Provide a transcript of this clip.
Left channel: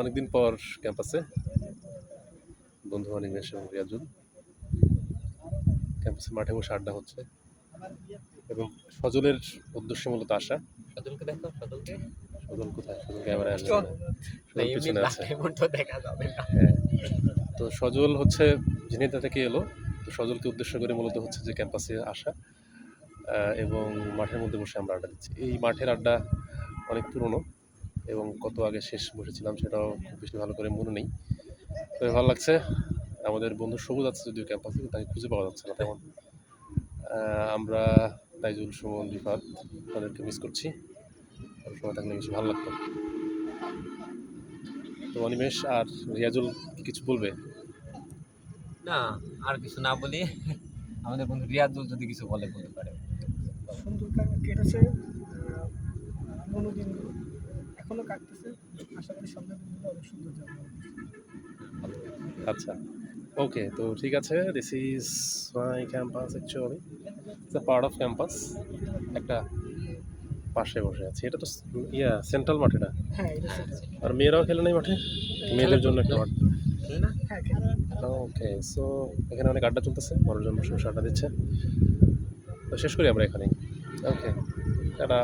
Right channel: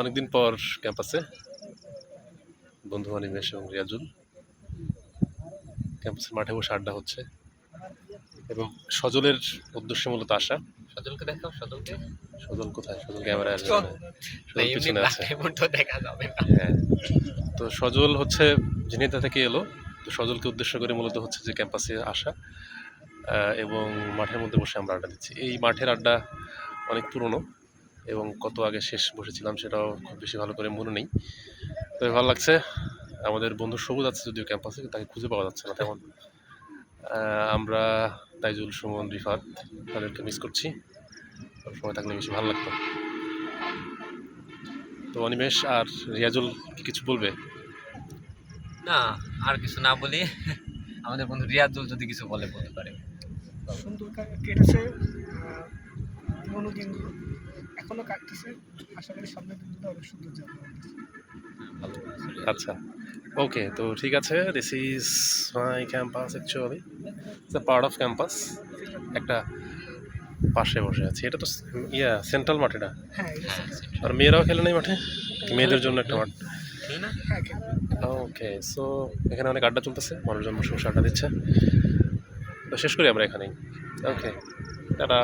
অনেকদিন পর ক্যাম্পাসে বন্ধু অনিমেষ এবং রিয়াজুল ক্যাম্পাসের মাঠে বসে আড্ডা হচ্ছে এবং সজলের উদ্দেশ্যে মূলত আসা। সজলকে দেখাও, সজলকে। সজল কোথায়? সজল ক্যামেরায় আসবে না, না, সজল এমনি পিছনে আছে। তো দেখা যাবে না। হ্যাঁ, তো সজল হচ্ছে ঝিনাইদহ থেকে এলো। তো সজলকে উদ্দেশ্য করে মূলত হচ্ছে যে ক্যাম্পাসে আসা এবং মাঠের মধ্যে বসে আমরা আড্ডা দিচ্ছি। এই মাঠের আড্ডা অনেক পুরনো এবং কত আগে শেষ বসেছিলাম সেটাও খুব বেশি ভালো করে মনে নেই। তবে ভালো লাগছে। আমাদের বন্ধু সবুজ আছে যদিও ক্যাম্পাসে, তাকে খুঁজে পাওয়া যাচ্ছে না তেমন। আমরা তাইজুল, সুমন, রিফাত তাদেরকে মিস করছি। সময় থাকলে বেশি ভালো লাগতো। তো অনিমেষ আর রিয়াজুল কি কিছু বলবে? না, আর কিছু না বলি। আমাদের বন্ধু রিয়াজুল যদি কিছু বলতে পারে। সুন্দর কেটেছে পুরোনো দিনগুলো, এখনো কাটতেছে। আশা করি সামনের দিনগুলো অনেক সুন্দর যাবে। ভালো বলেছে রিয়াজুল। আচ্ছা, ওকে, তো ঠিক আছে। This is my campus actually. It's a part of campus. একটা পাশে বসে আছি। এটা তো সেন্ট্রাল মাঠ এটা। হ্যাঁ, হ্যাঁ, আর মেয়েরাও খেলে নাই মাঠে? মেয়েদের জন্য একটা মাঠ। খেলি না? হ্যাঁ, ওকে, সো এখানে অনেক আড্ডা চলতেছে, মানুষজন বসে বসে আড্ডা দিচ্ছে। তো শেষ করি আমরা এখানেই। ওকে, টাটা।